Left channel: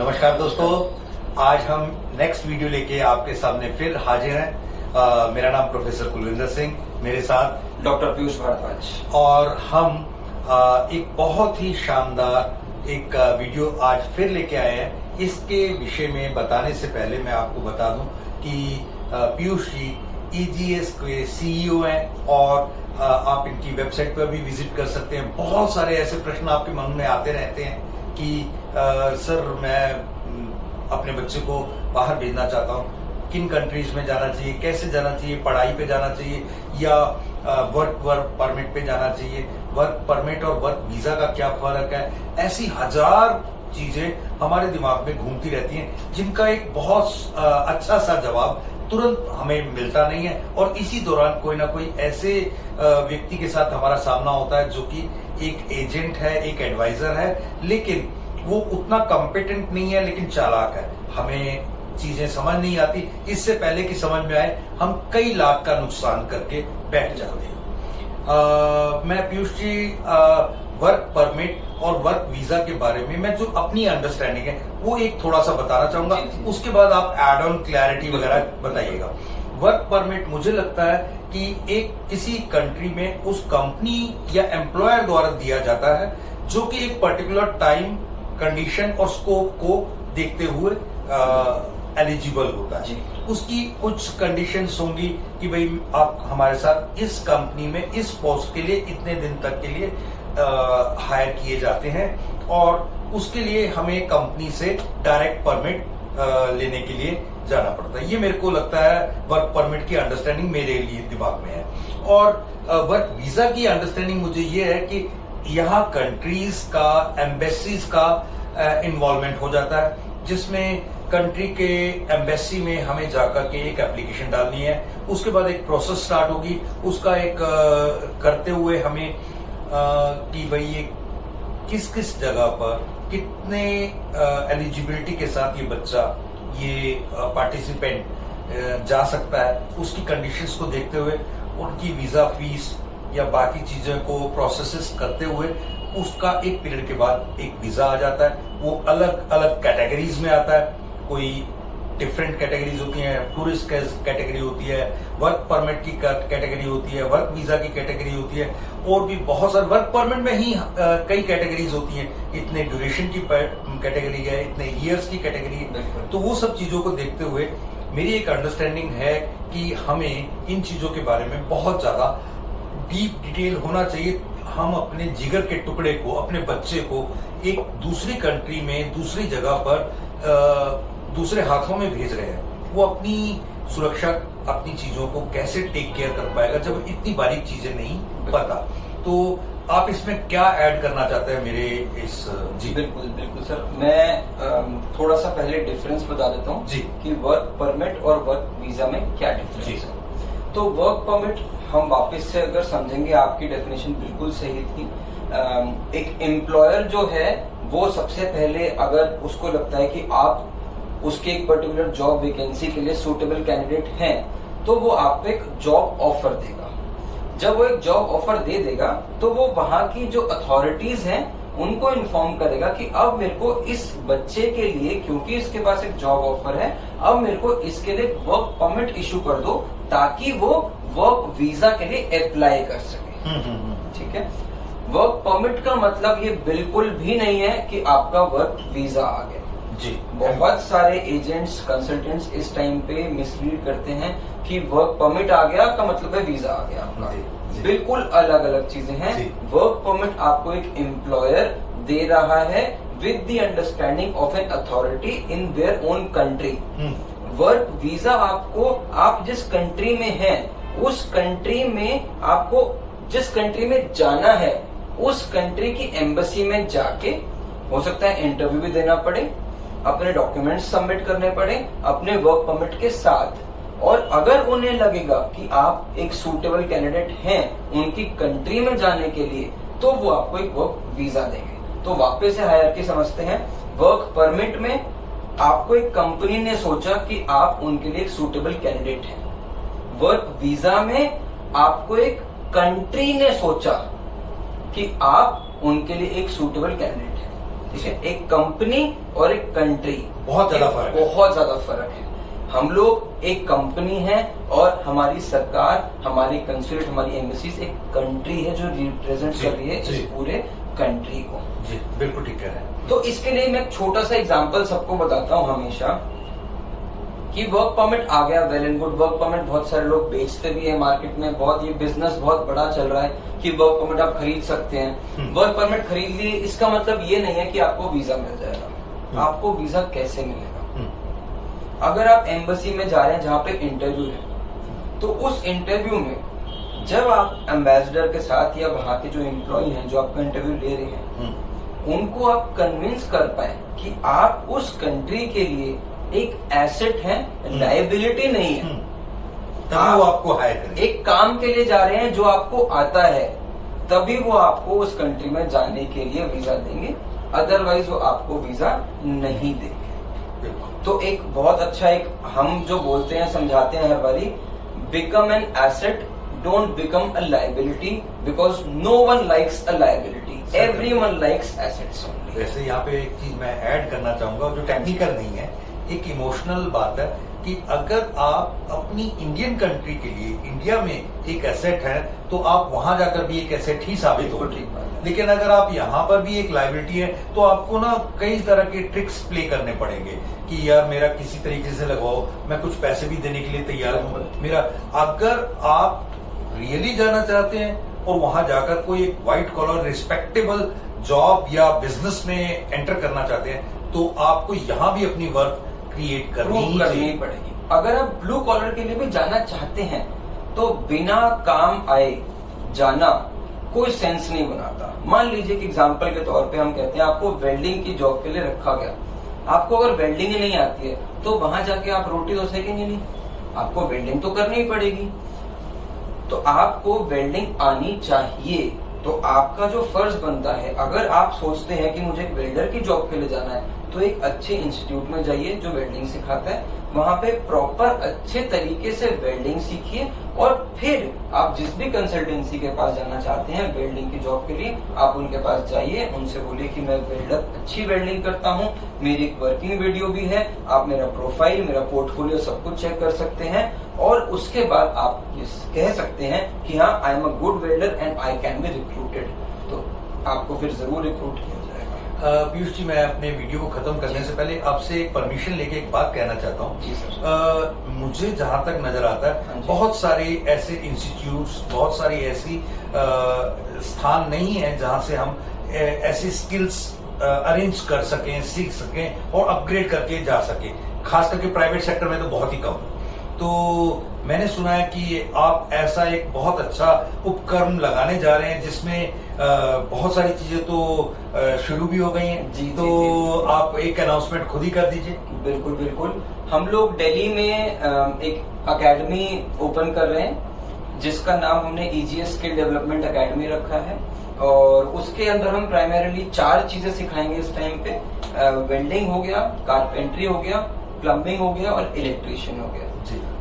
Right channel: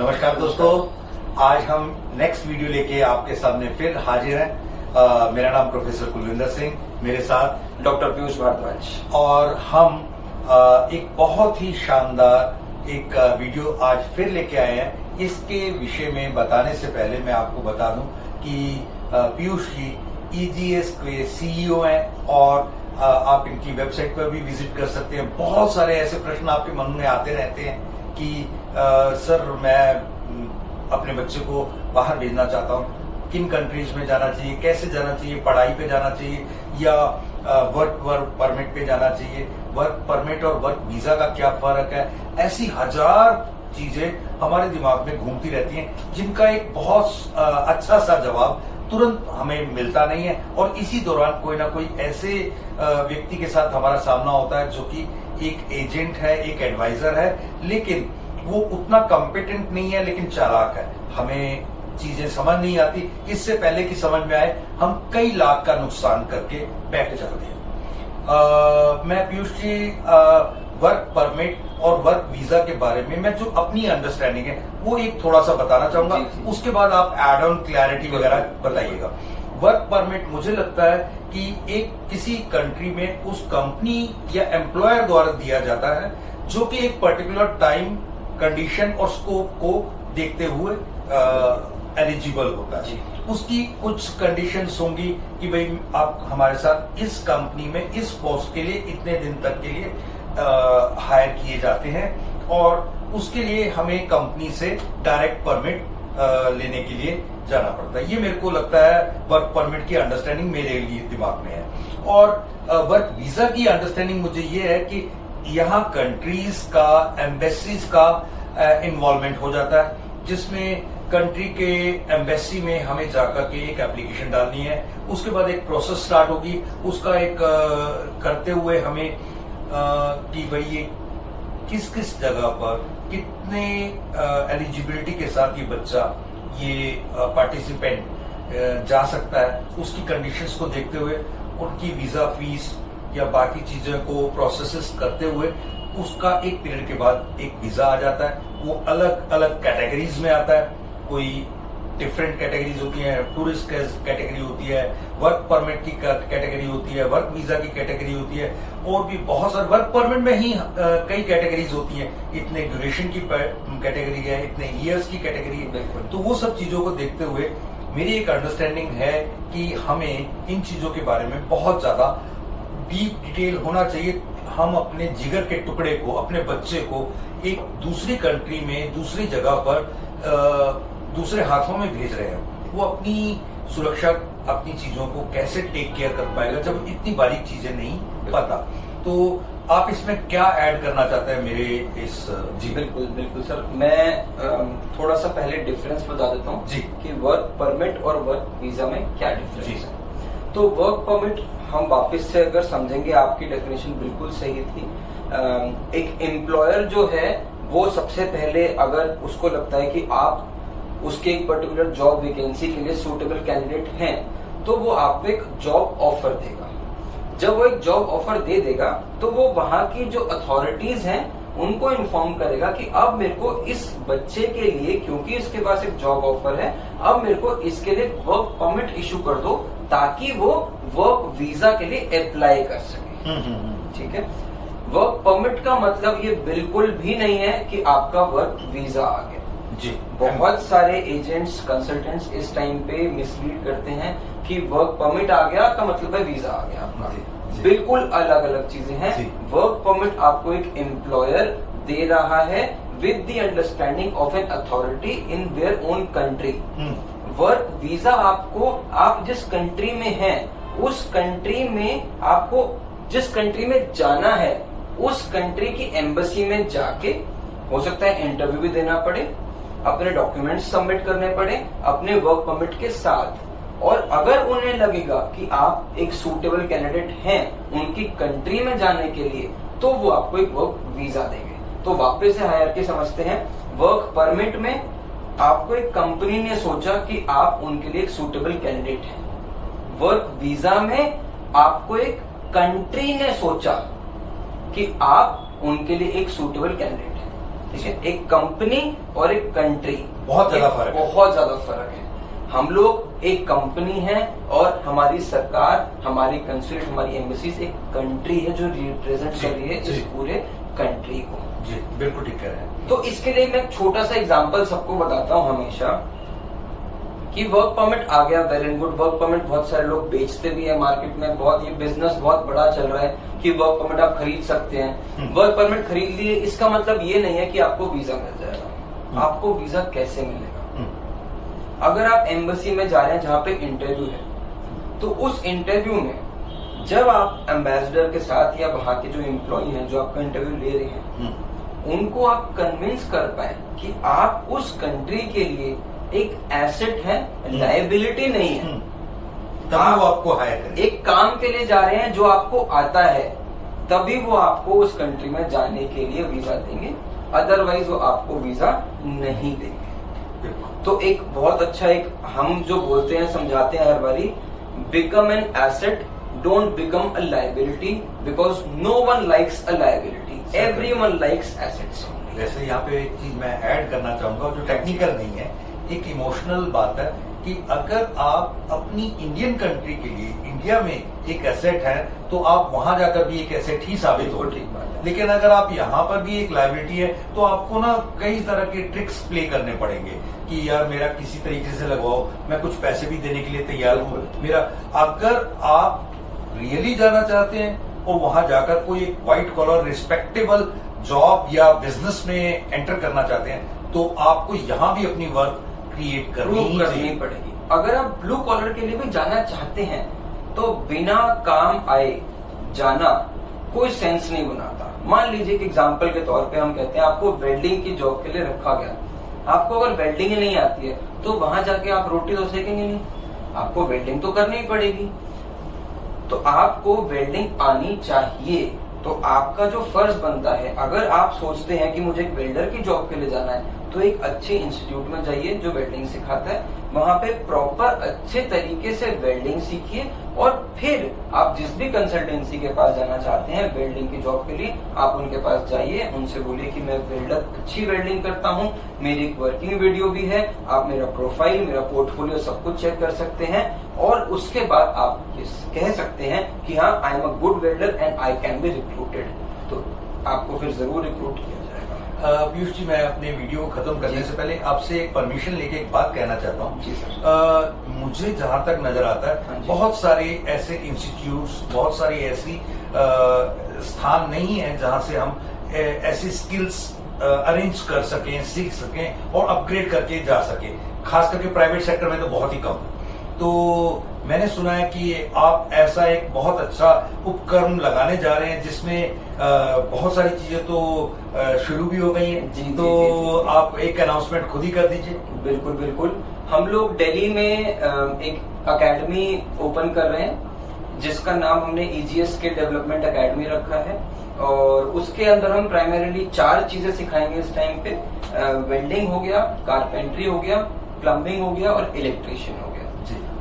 नमस्कार दोस्तों, आज हम नेक्स्ट वीडियो लेके आपके सामने फिर हाजिर हैं। मेरा नाम प्रोफेसर कुलविंदर सिंह, मेरे साथ डॉक्टर पीयूष भारद्वाज, और हम एक बहुत ही शानदार एक वीडियो आज फिर लेके आए हैं। इसके विषय में बताने से पहले मैं आपको बता दूं कि पीयूष जी ईजीएस के सीईओ हैं और आप इनकी वेबसाइट पर भी विजिट कर सकते हैं। बहुत सारे ऐसे प्रश्न आपके मन में आते रहते हैं कि सर मैं अपने बच्चे को बाहर भेजना चाहता हूँ, किन कंट्रीज में जाना चाहिए, कैसे जाना चाहिए, पढ़ाई पे जाना चाहिए या वर्क परमिट पे जाना चाहिए, वर्क परमिट और वर्क वीजा का क्या फर्क है। ऐसी हजार चीजें हमारे दिमाग में घूमती रहती हैं जिनका एक बहुत अच्छा सा जवाब तुरंत हमें मिलता नहीं है, और इसी दौरान कोई ना कोई ऐसे व्यक्ति के साथ हमारा सामना होता है जो कि एक एजेंट है, एक एडवाइजर है, लेकिन वो उतना कॉम्पिटेंट नहीं है लेकिन चालाक है। हमें चीजें समझ नहीं आती, इससे पहले कि समझ में आए हम कई लाख का नुकसान करके बैठ जाते हैं। मैं पीयूष जी वर्क परमिट और वर्क वीजा के बारे में मैं जो अपनी अंडरस्टैंडिंग है वो एक थोड़ा सा बताना चाहूंगा, उसके बाद आप एड ऑन क्लैरिटी वगैरह बताइएगा। वर्क परमिट मुझे लगता है कि एक किसी कंट्री में उस कंपनी या एम्प्लॉयर द्वारा दिया जाता है जो कि एक पर्टिकुलर टाइम, कंडीशन और स्कोप को देखते हुए एलिजिबल होता है। उसकी कुछ कंडीशंस होंगी कि भाई आप हमारे साथ इस कंपनी में इस पोस्ट के लिए इतने दिन तक के लिए हायर किए जाते हैं, और उसके लिए हमें कंपनी से डायरेक्ट परमिट लेने के लिए जाना पड़ता है। ये मेरे को लगता है वर्क परमिट की अंडरस्टैंडिंग मेरे लिए दिमाग में है। और वर्क वीजा की अंडरस्टैंडिंग मुझे ये है कि यहाँ कंट्रीज का, एम्बेसीज का इन्वॉल्वमेंट हो जाता है, जिसमें कंट्री के एम्बेसी में हमें जाकर के एक एप्लीकेशन डालनी है। उसके बाद एक प्रोसेस स्टार्ट होगी, उसका एक करते हुए हमें कि भाई ये किस किस जगह पर कितने एलिजिबिलिटी के साथ ये बच्चा, ये पार्टिसिपेंट जा सकता है, उसकी कंडीशंस को देखते हुए उनकी वीजा फीस या बाकी चीजों को प्रोसेसेस करते हुए उसका एक पीरियड के बाद एक वीजा आ जाता है। वो अलग अलग कैटेगरीज में आता है, कोई डिफरेंट कैटेगरीज होती हैं, टूरिस्ट कैटेगरी होती है, वर्क परमिट की कैटेगरी होती है, वर्क वीजा की कैटेगरी होती है, और भी बहुत सारे वर्क परमिट में ही कई कैटेगरीज होती हैं। इतने ड्यूरेशन की कैटेगरी है, इतने ईयर्स की कैटेगरी है। तो वो सब चीजों को देखते हुए मेरी एक अंडरस्टैंडिंग है कि हमें इन चीजों के बारे में बहुत ज्यादा डीप डिटेल होना चाहिए। हम अपने जिगर के टुकड़े को, अपने बच्चे को एक दूसरी कंट्री में, दूसरी जगह पर दूसरे हाथों में भेज रहे हैं, वो अपनी सुरक्षा, अपनी चीजों को कैसे टेक केयर कर पाएगा जब इतनी बारीक चीजें नहीं पता। तो आप इसमें क्या ऐड करना चाहते हैं मेरे इस? जी बिल्कुल सर, मैं थोड़ा सा पहले डिफरेंस बता देता हूँ जी कि वर्क परमिट और वर्क वीजा में क्या डिफरेंस है। तो वर्क परमिट हम वापस से अगर समझेंगे, आपकी डेफिनेशन बिल्कुल सही थी। एक एम्प्लॉयर जो है वो सबसे पहले अगर उसको लगता है कि आप उसके एक पर्टिकुलर जॉब वैकेंसी के लिए सूटेबल कैंडिडेट हैं, तो वो आपको एक जॉब ऑफर देगा। जब वो एक जॉब ऑफर दे देगा तो वो वहां की जो अथॉरिटीज हैं उनको इन्फॉर्म करेगा कि अब मेरे को इस बच्चे के लिए, क्योंकि इसके पास एक जॉब ऑफर है, अब मेरे को इसके लिए वर्क परमिट इशू कर दो ताकि वो वर्क वीजा के लिए अप्लाई कर सके। ठीक है। वर्क परमिट का मतलब ये बिल्कुल भी नहीं है कि आपका वर्क वीजा आ गया जी। बहुत सारे एजेंट्स, कंसल्टेंट्स इस टाइम पे मिसलीड करते हैं कि वर्क परमिट आ गया का मतलब है वीजा आ गया आपका। बिल्कुल अलग अलग चीजें हैं। वर्क परमिट आपको एक एम्प्लॉयर दे रहा है with the understanding of an authority in their own country. Work visa आपको, आप जिस कंट्री में हैं उस कंट्री में आपको जिस कंट्री में जाना है उस कंट्री की एम्बेसी में जाके, हो सकता है इंटरव्यू भी देना पड़े, अपने डॉक्यूमेंट्स सबमिट करने पड़े अपने वर्क परमिट के साथ, और अगर उन्हें लगेगा कि आप एक सूटेबल कैंडिडेट हैं उनकी कंट्री में जाने के लिए, तो वो आपको एक वर्क वीजा देंगे। तो वापस से हायरार्की समझते हैं। वर्क परमिट में आपको एक कंपनी ने सोचा कि आप उनके लिए एक सूटेबल कैंडिडेट हैं। वर्क वीजा में आपको एक कंट्री ने सोचा कि आप उनके लिए एक सूटेबल कैंडिडेट हैं। ठीक है। एक कंपनी और एक कंट्री बहुत ज्यादा फर्क है। बहुत ज्यादा फर्क है। हम लोग एक कंपनी है और हमारी सरकार, हमारी कंसुलेट, हमारी एम्बेसीज एक कंट्री है जो रिप्रेजेंट कर रही है इस पूरे कंट्री को। जी बिल्कुल ठीक कह रहे हैं। तो इसके लिए मैं एक छोटा सा एग्जांपल सबको बताता हूं हमेशा कि वर्क परमिट आ गया, well and good. Work permit बहुत सारे लोग बेचते भी है मार्केट में, बहुत ये बिजनेस बहुत बड़ा चल रहा है कि वर्क परमिट आप खरीद सकते हैं। वर्क परमिट खरीद लिए, इसका मतलब ये नहीं है कि आपको वीजा मिल जाएगा। आपको वीजा कैसे मिलेगा? अगर आप एम्बेसी में जा रहे हैं जहां पे इंटरव्यू है, तो उस इंटरव्यू में जब आप एम्बेसडर के साथ या वहां के जो एम्प्लॉय हैं जो आपका इंटरव्यू ले रहे हैं, उनको आप कन्विंस कर पाए कि आप उस कंट्री के लिए एक एसेट है, लायबिलिटी नहीं है। तभी वो आपको हायर करेंगे। एक काम के लिए जा रहे हैं जो आपको आता है, तभी वो आपको उस कंट्री में जाने के लिए वीजा देंगे, अदरवाइज वो आपको वीजा नहीं देंगे। तो एक बहुत अच्छा, एक हम जो बोलते हैं, समझाते हैं हर बारी, become an asset, don't become a liability, because no one likes a liability, everyone likes assets. वैसे यहाँ पे एक चीज मैं ऐड करना चाहूंगा जो टेक्निकल नहीं है, एक इमोशनल बात है कि अगर आप अपनी इंडियन कंट्री के लिए इंडिया में एक एसेट है तो आप वहां जाकर भी एक एसेट ही साबित हो। लेकिन अगर आप यहाँ पर भी एक लायबिलिटी है तो आपको ना कई तरह के ट्रिक्स प्ले करने पड़ेंगे कि यार मेरा किसी तरीके से लगवाओ, मैं कुछ पैसे भी देने के लिए तैयार हूँ मेरा। अगर आप रियली जाना चाहते हैं और वहां जाकर कोई एक व्हाइट कॉलर रिस्पेक्टेबल जॉब या बिजनेस में एंटर करना चाहते हैं तो आपको यहाँ भी अपनी वर्क क्रिएट करनी पड़ेगी। अगर आप ब्लू कॉलर के लिए भी जाना चाहते हैं तो बिना काम आए जाना कोई सेंस नहीं बनाता। मान लीजिए कि एग्जांपल के तौर पे हम कहते हैं आपको वेल्डिंग की जॉब के लिए रखा गया, आपको अगर वेल्डिंग ही नहीं आती है तो वहां जाके आप रोटी तो सेकेंगे नहीं, आपको वेल्डिंग तो करनी ही पड़ेगी। तो आपको वेल्डिंग आनी चाहिए। तो आपका जो फर्ज बनता है, अगर आप सोचते हैं कि मुझे एक वेल्डर की जॉब के लिए जाना है, तो एक अच्छे इंस्टीट्यूट में जाइए जो वेल्डिंग सिखाता है, वहां पे प्रॉपर अच्छे तरीके से वेल्डिंग सीखिए और फिर आप जिस भी कंसल्टेंसी के पास जाना चाहते हैं वेल्डिंग की जॉब के लिए, आप उनके पास जाइए, उनसे बोलिए कि मैं वेल्डर अच्छी वेल्डिंग करता हूं, मेरी एक वर्किंग वीडियो भी है, आप मेरा प्रोफाइल, मेरा पोर्टफोलियो सब कुछ चेक कर सकते हैं और उसके बाद आप ये कह सकते हैं कि हाँ, I am a good welder and I can be recruited. तो आपको फिर जरूर रिक्रूट किया जाएगा। पीयूष जी, मैं अपने वीडियो को खत्म करने से पहले आपसे एक परमिशन लेके एक बात कहना चाहता हूँ। जी सर। मुझे जहां तक नजर आता है बहुत सारे ऐसे इंस्टीट्यूट्स, बहुत सारी ऐसी स्थान नहीं है जहां से हम ऐसी स्किल्स अरेंज कर सकें, सीख सकें और अपग्रेड करके जा सकें। खास करके प्राइवेट सेक्टर में तो बहुत ही कम। तो मैंने सुना है कि आप ऐसा एक बहुत अच्छा उपकरण लगाने जा रहे हैं जिसमें बहुत सारी चीजें तो शुरू भी हो गई हैं। जी, तो जी। आप एक अनाउंसमेंट खुद ही कर दीजिए। बिल्कुल बिल्कुल। हम लोग दिल्ली में एक अकेडमी ओपन कर रहे हैं जिसका नाम हमने EGS स्किल डेवलपमेंट अकेडमी रखा है और उसके अंदर हम प्राइमरीली 4 चीजें सिखाएंगे इस टाइम पे। वेल्डिंग हो गया, कारपेंट्री हो गया, प्लम्बिंग हो गया और इलेक्ट्रीशियन हो गया।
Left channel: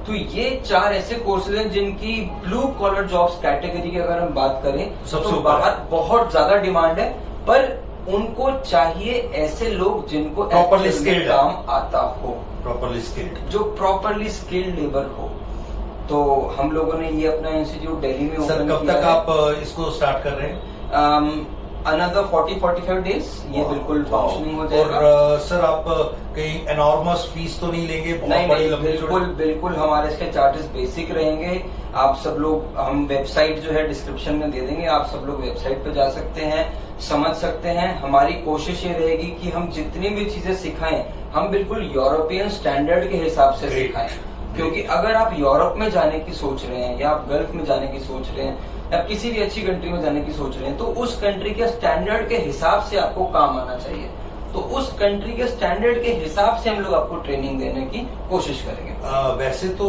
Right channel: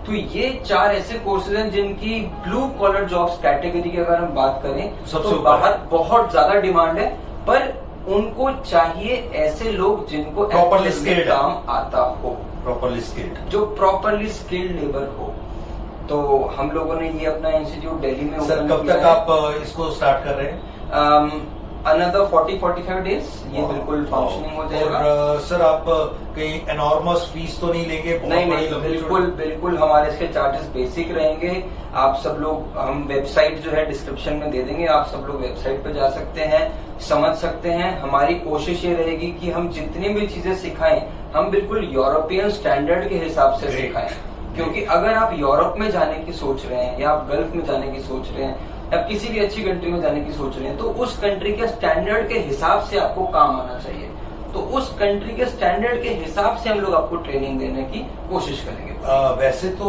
तो ये 4 ऐसे कोर्सेज हैं जिनकी ब्लू कॉलर जॉब्स कैटेगरी की अगर हम बात करें तो बाहर बहुत ज्यादा डिमांड है, पर उनको चाहिए ऐसे लोग जिनको प्रॉपरली स्किल्ड काम आता हो, प्रॉपरली स्किल्ड, जो प्रॉपरली स्किल्ड लेबर हो। तो हम लोगों ने ये अपना इंस्टीट्यूट दिल्ली में सर, कब तक आप इसको स्टार्ट कर रहे हैं? अनदर 40-45 डेज ये बिल्कुल फंक्शनिंग हो जाएगा। और सर, आप कहीं एनॉर्मस फीस तो नहीं लेंगे? नहीं, बिल्कुल हमारे इसके चार्जेस बेसिक रहेंगे। आप सब लोग, हम वेबसाइट जो है डिस्क्रिप्शन में दे देंगे, आप सब लोग वेबसाइट पे जा सकते हैं, समझ सकते हैं। हमारी कोशिश ये रहेगी कि हम जितनी भी चीजें सिखाएं हम बिल्कुल यूरोपियन स्टैंडर्ड के हिसाब से सिखाएं, क्योंकि अगर आप यूरोप में जाने की सोच रहे हैं या आप गल्फ में जाने की सोच रहे हैं या किसी भी अच्छी कंट्री में जाने की सोच रहे हैं तो उस कंट्री के स्टैंडर्ड के हिसाब से आपको काम आना चाहिए। तो उस कंट्री के स्टैंडर्ड के हिसाब से हम लोग आपको ट्रेनिंग देने की कोशिश करेंगे। वैसे तो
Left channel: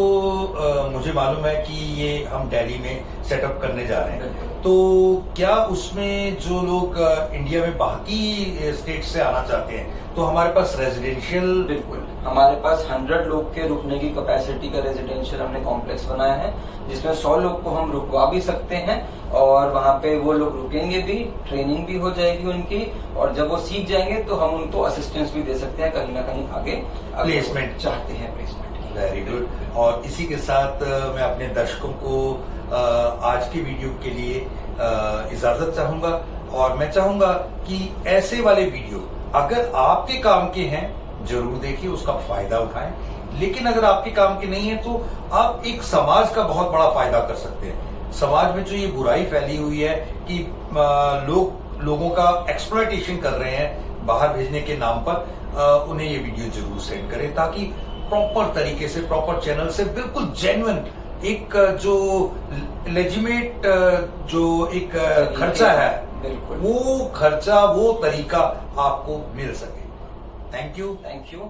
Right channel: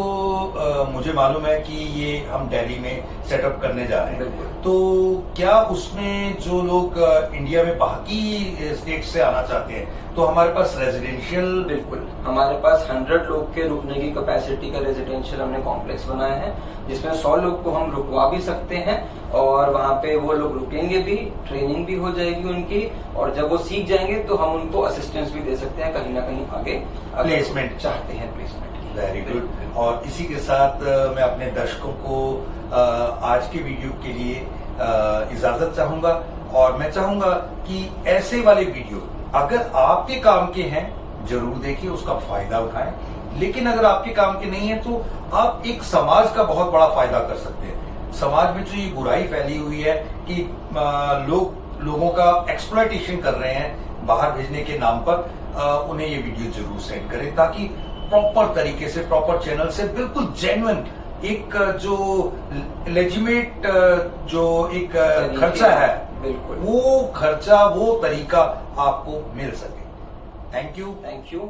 मुझे मालूम है कि ये हम दिल्ली में सेटअप करने जा रहे हैं, तो क्या उसमें जो लोग इंडिया में बाकी स्टेट से आना चाहते हैं तो हमारे पास रेजिडेंशियल? बिल्कुल, हमारे पास 100 लोग के रुकने की कैपेसिटी का रेजिडेंशियल हमने कॉम्प्लेक्स बनाया है जिसमें 100 लोग को हम रुकवा भी सकते हैं और वहाँ पे वो लोग रुकेंगे भी, ट्रेनिंग भी हो जाएगी उनकी, और जब वो सीख जाएंगे तो हम उनको असिस्टेंस भी दे सकते हैं कहीं ना कहीं आगे प्लेसमेंट चाहते हैं प्लेसमेंट। Very good. और इसी के साथ मैं अपने दर्शकों को आज के वीडियो के लिए इजाजत चाहूंगा, और मैं चाहूंगा कि ऐसे वाले वीडियो अगर आपके काम के हैं जरूर देखिए, उसका फायदा उठाएं, लेकिन अगर आपके काम के नहीं है तो आप एक समाज का बहुत बड़ा फायदा कर सकते हैं। समाज में जो ये बुराई फैली हुई है कि लोगों का एक्सप्लॉयटेशन कर रहे हैं बाहर भेजने के नाम पर, उन्हें ये वीडियो जरूर सेंड करें ताकि प्रॉपर तरीके से, प्रॉपर चैनल से, बिल्कुल जेन्युइन एक जो लेजिमेट जो एक खर्चा है, बिल्कुल वो खर्चा, वो तरीका आपको मिल सके। Thank you.